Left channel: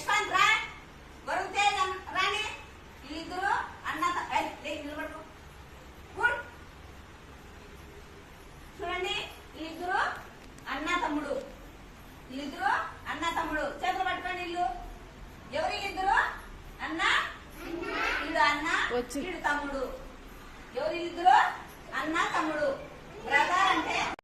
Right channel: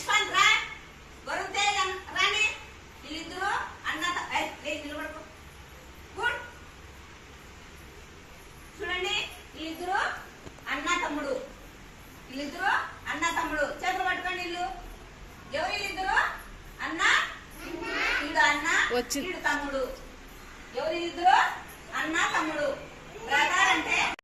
యశ్వంత్ రా, వరుణ్ తేజ్ రాని. వీళ్ళిద్దరు అన్న నిలబడుకో. చూడండి, వీళ్ళిద్దరు అన్న తమ్ముడు. వీళ్ళిద్దరు అన్న తమ్ముడు. చేతులు పట్టుకోండి. వీళ్ళు ఎవరు? వీళ్ళిద్దరు అన్న, వీడు అన్న, వీడు తమ్ముడు. ఎవరు? వీళ్ళిద్దరు అన్న తమ్ముడు. బ్రదర్ అంటే